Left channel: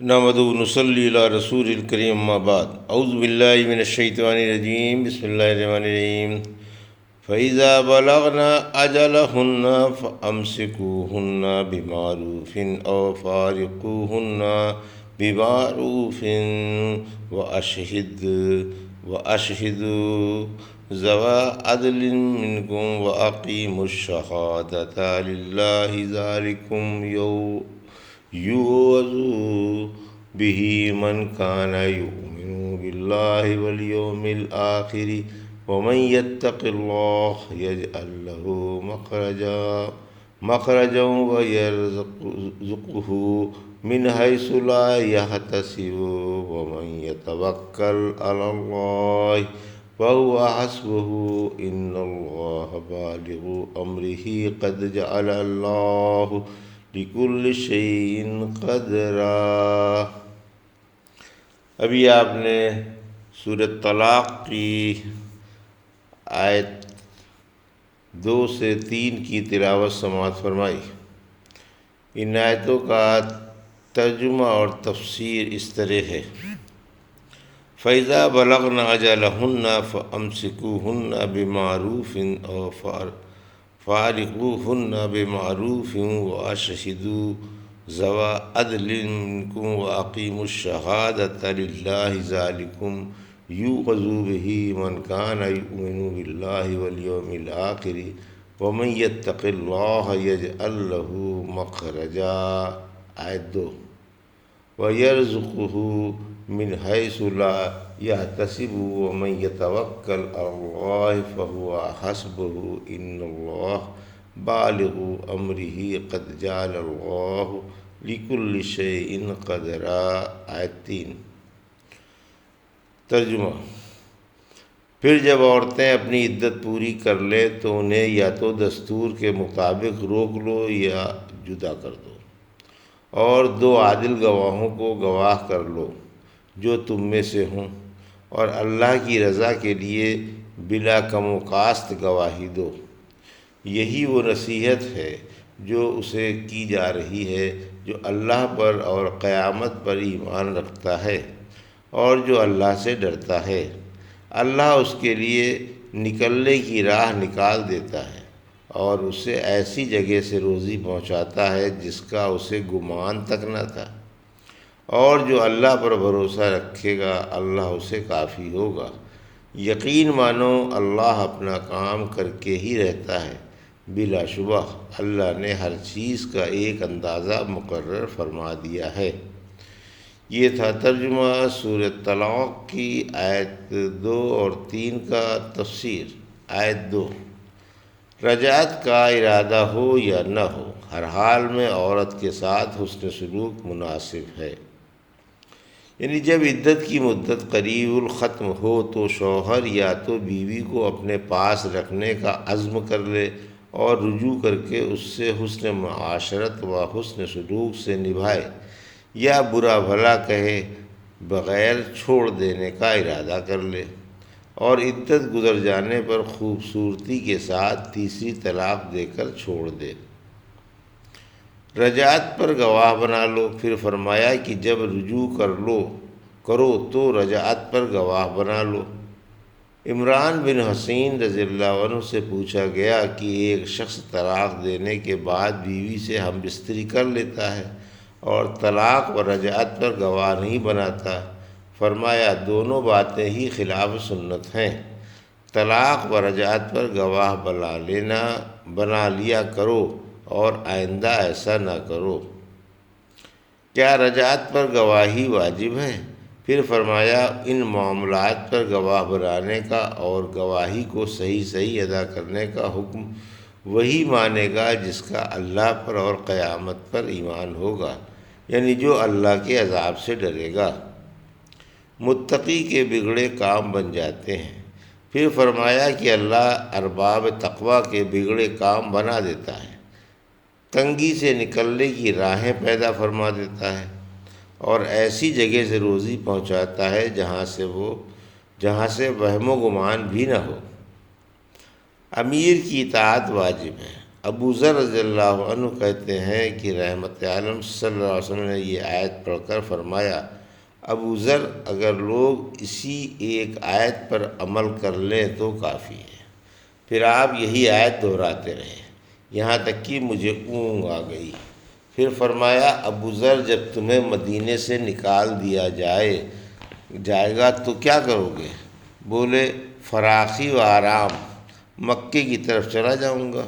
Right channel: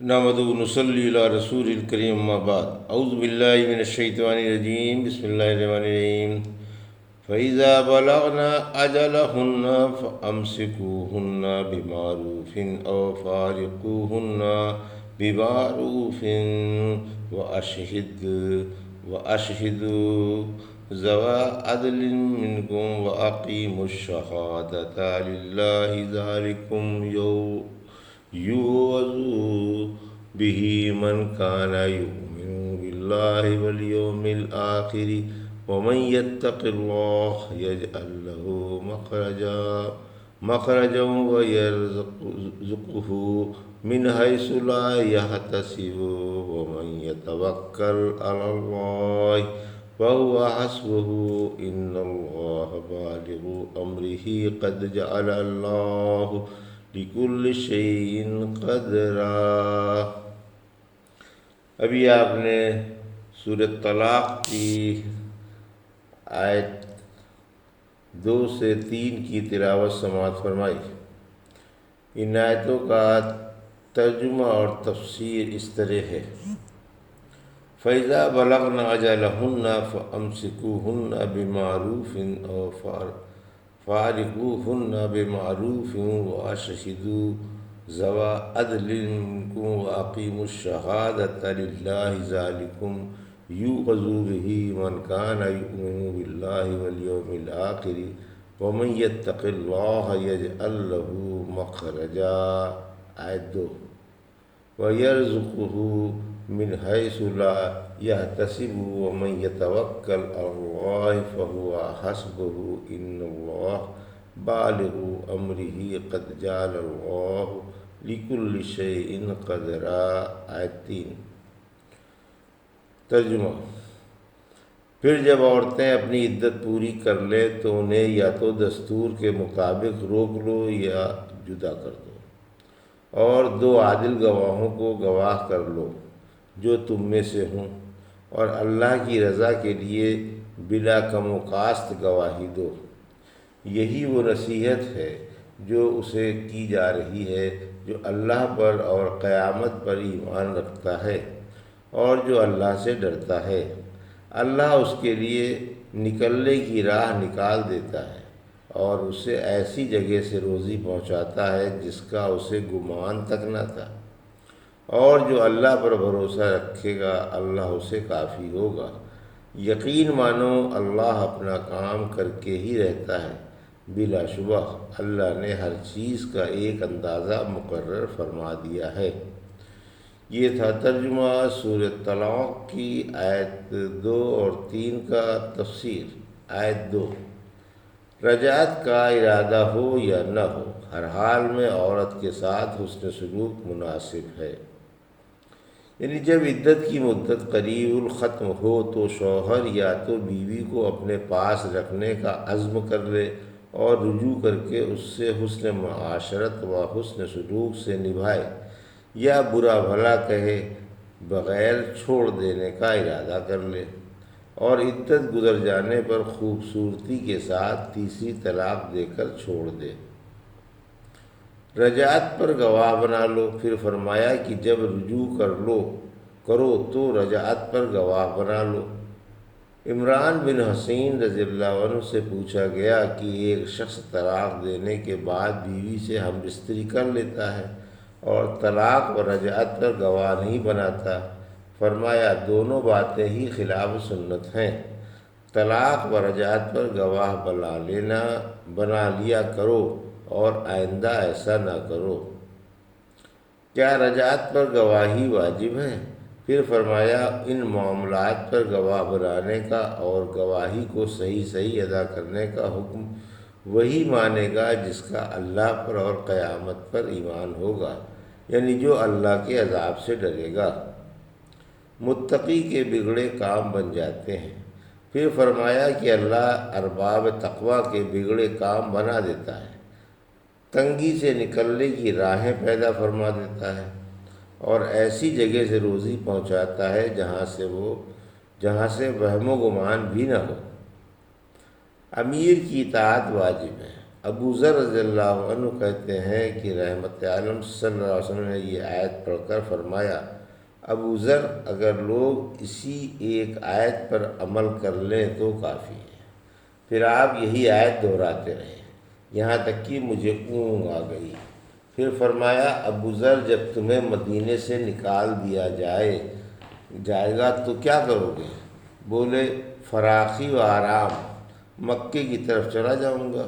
نحمدہ و نصلی علی رسول الکریم اما بعد اعوذ باللہ من الشیطان الرجیم بسم اللہ الرحمن الرحیم فَإِذَا بَلَغْنَ أَجَلَهُنَّ فَأَمْسِكُوهُنَّ بِمَعْرُوفٍ أَوْ فَارِقُوهُنَّ بِمَعْرُوفٍ وَأَشْهِدُوا ذَوَا عَدْلٍ مِّنكُمْ وَأَقِيمُوا الشَّهَادَةَ لِلَّهِ ذَلِكُمْ يُوعَظُ بِهِ مَنْ كَانَ يُؤْمِنُ بِاللَّهِ وَالْيَوْمِ الْآخِرِ وَمَنْ يَتَّقِ اللَّهَ يَجْعَلْ لَهُ مَخْرَجًا وَيَرْزُقْهُ مِنْ حَيْثُ لَا يَحْتَسِبُ وَمَنْ يَتَوَكَّلْ عَلَى اللَّهِ فَهُوَ حَسْبُهُ إِنَّ اللَّهَ بَالِغُ أَمْرِهِ قَدْ جَعَلَ اللَّهُ لِكُلِّ شَيْءٍ قَدْرًا۔ ابھی آپ نے سورۃ طلاق کی آیت 2 سے 3 کی تلاوت سماعت فرمائی۔ ان آیتوں کا ترجمہ اور تفسیر اس طرح ہے: فَإِذَا بَلَغْنَ أَجَلَهُنَّ فَأَمْسِكُوهُنَّ بِمَعْرُوفٍ أَوْ فَارِقُوهُنَّ بِمَعْرُوفٍ وَأَشْهِدُوا ذَوَا عَدْلٍ مِّنكُمْ وَأَقِيمُوا الشَّهَادَةَ لِلَّهِ ذَلِكُمْ يُوعَظُ بِهِ مَنْ كَانَ يُؤْمِنُ بِاللَّهِ وَالْيَوْمِ الْآخِرِ وَمَنْ يَتَّقِ اللَّهَ يَجْعَلْ لَهُ مَخْرَجًا۔ آیت 2: وَيَرْزُقْهُ مِنْ حَيْثُ لَا يَحْتَسِبُ وَمَنْ يَتَوَكَّلْ عَلَى اللَّهِ فَهُوَ حَسْبُهُ إِنَّ اللَّهَ بَالِغُ أَمْرِهِ قَدْ جَعَلَ اللَّهُ لِكُلِّ شَيْءٍ قَدْرًا۔ آیت 3: ترجمہ: پھر جب عورتیں اپنی عدت پوری کر لیں تو انہیں یا تو دستور کے مطابق روک لو یا جدا کر دو، اور 2 عادل گواہوں کو گواہ کر لو جو تم میں سے ہوں، اور اللہ کی رضا کے لیے بلا کم و کاست گواہی دو۔ یہی وہ نصیحت ہے جو اسے کی جا رہی ہے جو اللہ پر اور قیامت پر ایمان رکھتا ہے اور جو اللہ سے ڈرتا ہے۔ اللہ اس کے لیے نکلنے کی راہ نکال دیتا ہے اور اسے ایسی جگہ سے روزی پہنچاتا ہے جس کا اسے گمان تک نہ تھا، اور جو اللہ پر بھروسہ رکھے گا اللہ اسے کافی ہوگا۔ یقین مانو اللہ اپنا کام کر کے ہی رہتا ہے، بلا شبہ اللہ نے ہر چیز کا ایک اندازہ مقرر فرما دیا ہے۔ یہ تھا ترجمہ سورۃ طلاق کی آیت 2 اور 3 کا تفسیر۔ آیت 2: رجعت کا ارادہ ہو یا نہ ہو، ہر حال میں عورت کے ساتھ حسن سلوک مناسب ہے۔ یعنی جب عدت کی مدت قریب الختم ہو تو شوہر یا تو بیوی کو اپنے پاس رکھنے کا عزم کر لے اور رجوع کر کے اس سے حسن معاشرت و حسن سلوک سے نبھائے، یا برا بھلا کہے بغیر چھوڑ دینے کا ارادہ کر لے اور عدت گزر جانے پر خوبصورتی کے ساتھ تیسری طلاق دے کر چھوڑ دے۔ رجعت پر گواہ بنا لو۔ پھر فرمایا کہ جب رجوع کرو تو رجعت پر گواہ بنا لو۔ عمران بن حسین رضی اللہ عنہ سے پوچھا گیا کہ ایک شخص طلاق دینے کے بعد بیوی سے ہم بستری کر لیتا ہے اور طلاق و رجعت پر گواہ نہیں بناتا۔ فرمایا دونوں باتیں ہی خلاف سنت ہیں۔ طلاق و رجعت پر گواہ بنا لیا کرو اور آئندہ ایسا نہ کرو۔ کیا رجعت پر گواہی واجب ہے؟ پھر فرمایا ان معاملات پر گواہ بنانے کا اور گواہی کو صحیح ادا کرنے کا حکم وہی مانے گا جس کا اللہ پر اور قیامت پر ایمان ہوگا، یعنی جو اللہ کے عذاب سے ڈرے گا۔ متقی کے بگڑے کام بن جاتے ہیں۔ پھر فرمایا کہ اللہ ارباب تقوی کے بگڑے کام بنا دیتا ہے، تنگی سے نکلنے کی راہیں پیدا فرما دیتا ہے اور ایسی جگہ سے روزی پہنچاتا ہے جہاں سے وہم و گمان بھی نہ ہو۔ امیر کی اطاعت واجب ہے ابو ذر رضی اللہ عنہ کہتے ہیں کہ رحمت عالم صلی اللہ علیہ وسلم نے یہ آیت پڑھ کر فرمایا، ابو ذر اگر لوگ اسی ایک آیت پر عمل کر لیں تو کافی ہے۔ پھر آپ یہی آیت دہراتے رہے یہاں تک کہ مجھے اونگ آ گئی۔ پھر فرمایا، ابو ذر جب تمہیں مدینے سے نکال دیا جائے گا تو کیا کرو گے؟ بولے، فراخی و آرام، مکے کی طرف چلا جاؤں گا۔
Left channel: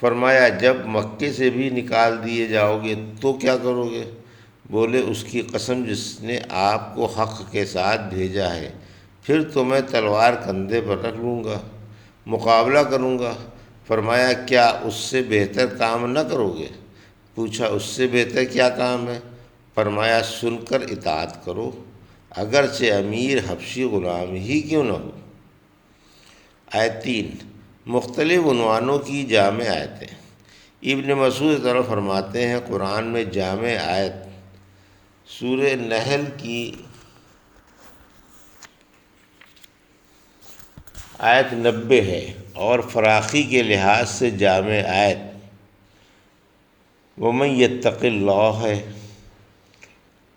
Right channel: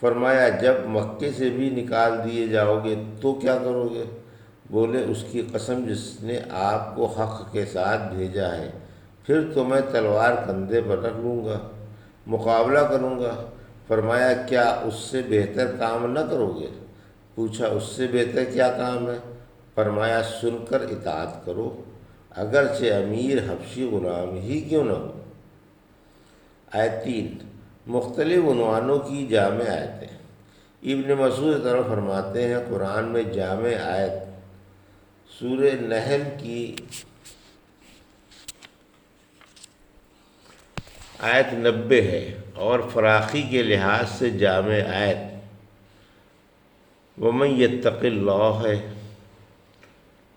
فرمایا، جب مکے سے بھی نکال دیے جاؤ گے تو کیا کرو گے؟ بولے، اس کی قسم جس نے آپ کو حق کے ساتھ بھیجا ہے، پھر تو میں تلوار کندھے پر رکھ لوں گا، مقابلہ کروں گا۔ فرمایا، کیا اس سے بہتر کام نہ کرو گے؟ پوچھا، اس سے بہتر کیا کام ہے؟ فرمایا، سن کر اطاعت کرو، اگرچہ امیر حبشی غلام ہی کیوں نہ ہو۔ آیت 3، مختلف عنوانوں کی جامع آیتیں۔ ابن مسعود طرف فرماتے ہیں، قرآن میں جامع آیت سورہ نحل کی آیت 90 ہے، اور فراخی کے لحاظ سے جامع آیت وَمَن يَتَّقِ اللَّهَ ہے۔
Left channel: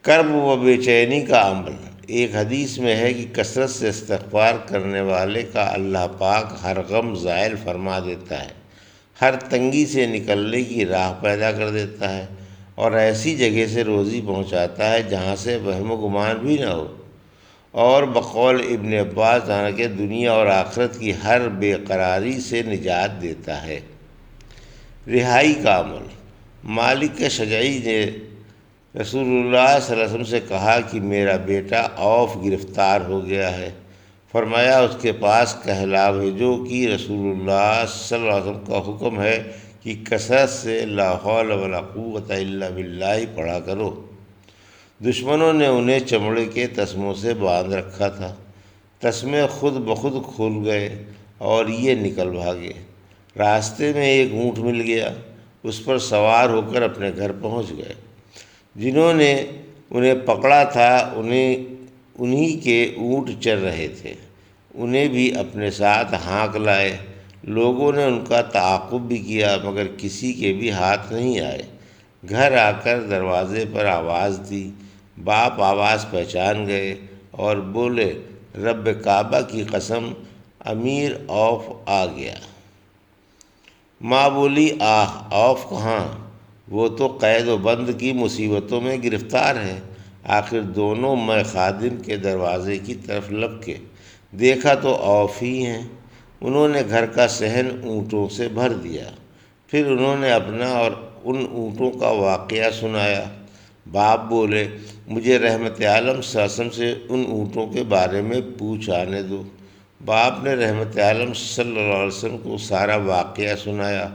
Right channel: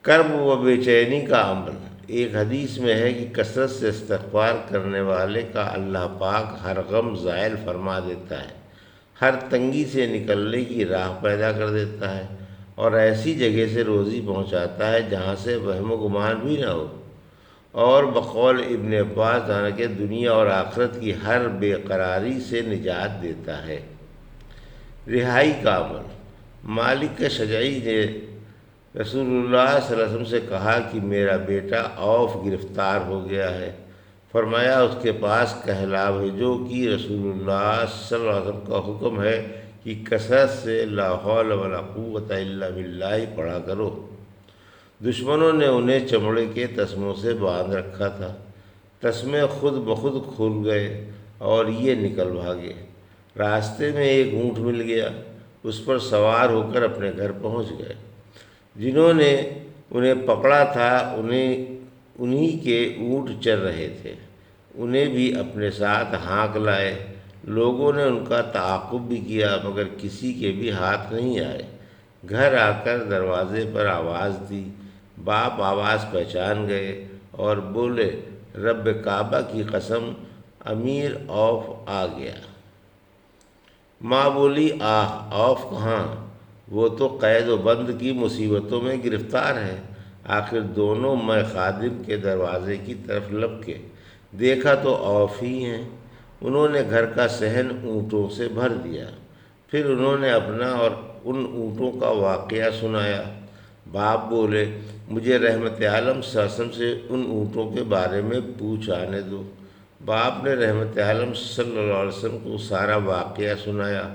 کرب و بے چینی کا عمل۔ ایک حدیث میں ہے کہ کثرت سے استغفار کرنے والے کا اللہ پاک ہر غم زائل فرما دیتا ہے، ہر تنگی سے نکلنے کی راہ پیدا کر دیتا ہے، اور ایسی جگہ سے روزی پہنچاتا ہے جہاں سے وہم و گمان بھی نہ ہو، اور بقول ابن عباس جانا کہ دنیا اور آخرت کی ہر بے قراری سے نجات دیتا ہے۔ رہائی کا عمل۔ مالک شجعی نے رسول اللہ صلی اللہ علیہ وسلم سے کہا کہ میرا بیٹا عوف گرفتار ہو گیا ہے۔ فرمایا، اس کے پاس کہلا بھیجو کہ رسول اللہ صلی اللہ علیہ وسلم کا حکم ہے کہ کثرت سے لا حول ولا قوت الا باللہ پڑھا کرو۔ دشمنوں نے انہیں چمڑے کے تسموں سے باندھ رکھا تھا، تسمے خود بخود کھل گئے اور یہ نکل بھاگے۔ راستے میں ایک اونٹ مل گیا، اس پر سوار ہو کر اپنے گھر پہنچ گئے۔ جنہوں نے انہیں پکڑا تھا انہی کے اونٹ چر رہے تھے، انہیں بھی اپنے ساتھ ہانک لائے۔ لوگوں نے ان کا تعاقب بھی کیا مگر کسی کے بھی ہاتھ نہیں آئے۔ گھر آ کر دروازے پر آواز دی، باپ آواز پہچان گئے اور بولے، رب کعبہ کی قسم، امیر عوف آ گیا۔ ماں بولی، آہ، عوف کہاں؟ وہ تو قید و بند کی مصیبتوں میں گرفتار ہے۔ آخر دونوں میں خادم کے دروازے کی طرف لپکے، دیکھا تو عوف ہی ہیں۔ انہوں نے گھر کا صحن اونٹوں سے بھر دیا، پھر انہوں نے اپنا اور ان اونٹوں کا واقعہ سنایا۔ باپ بولے، مجھے رحمت عالم صلی اللہ علیہ وسلم سے ان اونٹوں کے بارے میں پوچھ آنے دو۔ باپ نے رحمت عالم صلی اللہ علیہ وسلم کو سارا واقعہ سنایا۔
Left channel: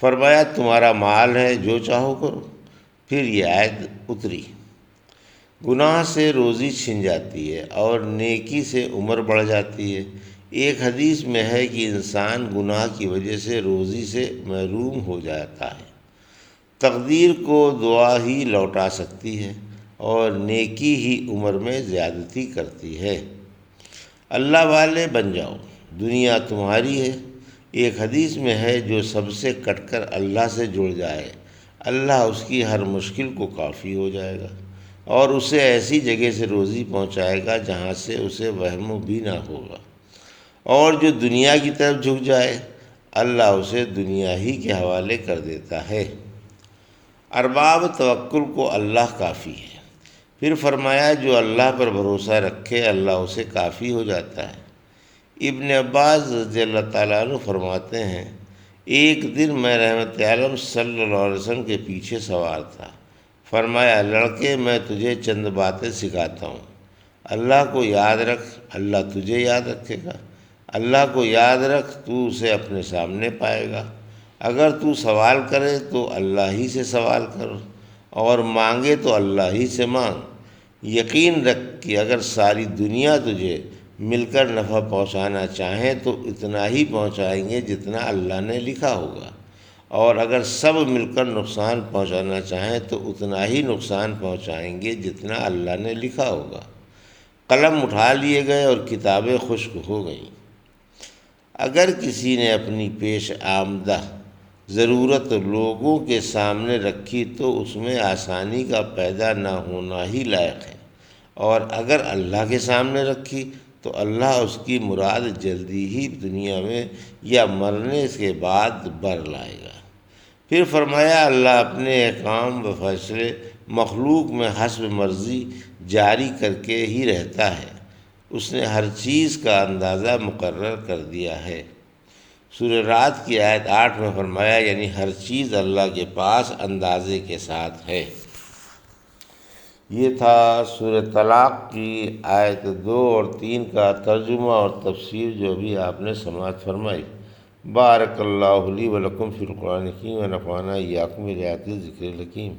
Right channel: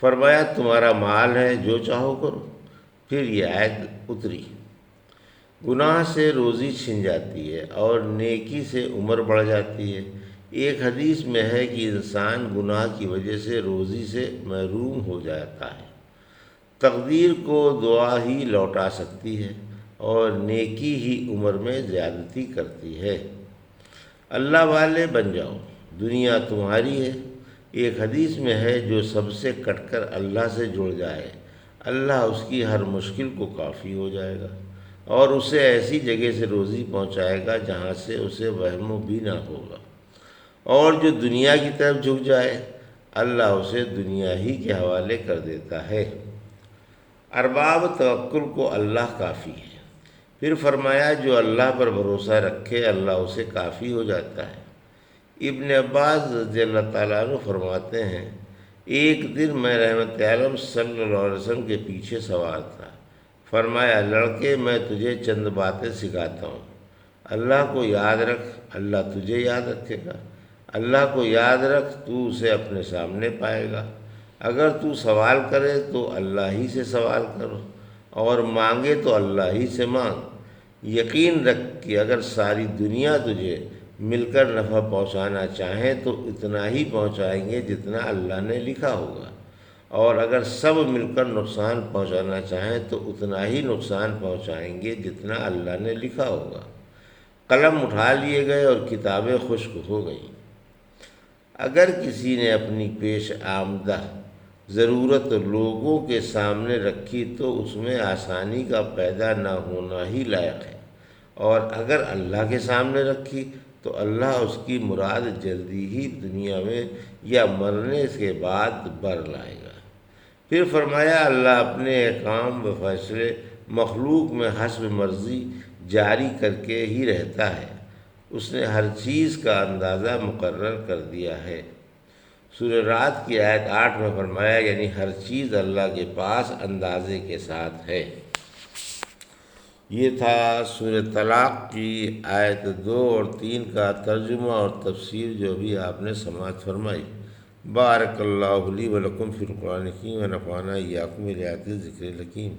فرمایا، تمہارا مال ہے، جو چاہو کرو۔ پھر یہ آیت اتری، گناہ سے روزی چھن جاتی ہے اور نیکی سے عمر بڑھ جاتی ہے۔ ایک حدیث میں ہے کہ انسان گناہ کی وجہ سے روزی سے محروم ہو جاتا ہے، تقدیر کو دعا ہی لوٹا سکتی ہے اور نیکی ہی عمر میں زیادتی کرتی ہے۔ اللہ والے بن جاؤ، دنیا تمہاری ہے۔ ایک حدیث میں ہے، جو سب سے کٹ کر اللہ سے جڑ جائے، اللہ اس کی ہر مشکل کو کافی ہو جائے گا اور اسے ایسی جگہ سے روزی پہنچائے گا جہاں سے اسے وہم بھی نہ ہوگا، اور جو دنیا کی طرف جھک جائے، اللہ اسے دنیا ہی کے حوالے کر دیتا ہے۔ ارباب توکل کو اللہ کافی ہے۔ پھر فرمایا، جو اللہ پر بھروسہ رکھے اللہ اسے کافی ہو جاتا ہے۔ ابن عباس رضی اللہ تعالیٰ عنہ فرماتے ہیں، ایک دن میں رحمت عالم صلی اللہ علیہ وسلم کے پیچھے سوار تھا۔ فرمایا، لڑکے، میں تجھے چند باتیں سکھاتا ہوں، اللہ کو یاد رکھ، اللہ تجھے یاد رکھے گا۔ اللہ کو یاد رکھ، تو اسے اپنے سامنے پائے گا۔ اگر تو سوال کرے تو اللہ ہی سے سوال کر، اور مانگے تو اللہ ہی سے مانگ۔ یقین رکھ کہ اگر ساری دنیا تجھے مل کر نفع پہنچانا چاہیں تو اتنا ہی پہنچائیں گے جتنا اللہ نے لکھا ہوگا، اور اگر سب مل کر نقصان پہنچانا چاہیں تو اتنا ہی نقصان پہنچائیں گے جتنا اللہ نے لکھا ہوگا۔ قلم اٹھا لیے گئے اور کتابیں خشک ہو گئیں۔ اگر کسی نے اپنی پیش آمدہ ضرورت لوگوں کے سامنے رکھی تو اس میں آسانی کا پیدا نہ ہونا ہی لائق ہے، اور اگر اللہ کے سامنے رکھی تو اللہ اس کی مراد جلدی ہی دنیا میں یا مرنے کے بعد بر لائے گا۔ پھر فرمایا اللہ اپنے احکام و فیصلے مخلوق میں حسب مرضی جاری کر کے ہی رہتا ہے، اس نے ہر چیز کا اندازہ مقرر کر دیا ہے۔ سورہ رعد کی آیت 8 میں فرمایا یعنی ہر چیز اللہ کے پاس اندازے کے ساتھ ہے۔ یہ تھا سورہ طلاق کی آیت 2 اور 3 کا ترجمہ اور تفسیر جو ابھی آپ نے سماعت فرمائی۔ بارک اللہ لی و لکم فی القرآن الحکیم و نفعنا ایاکم بآیات الذکر الحکیم۔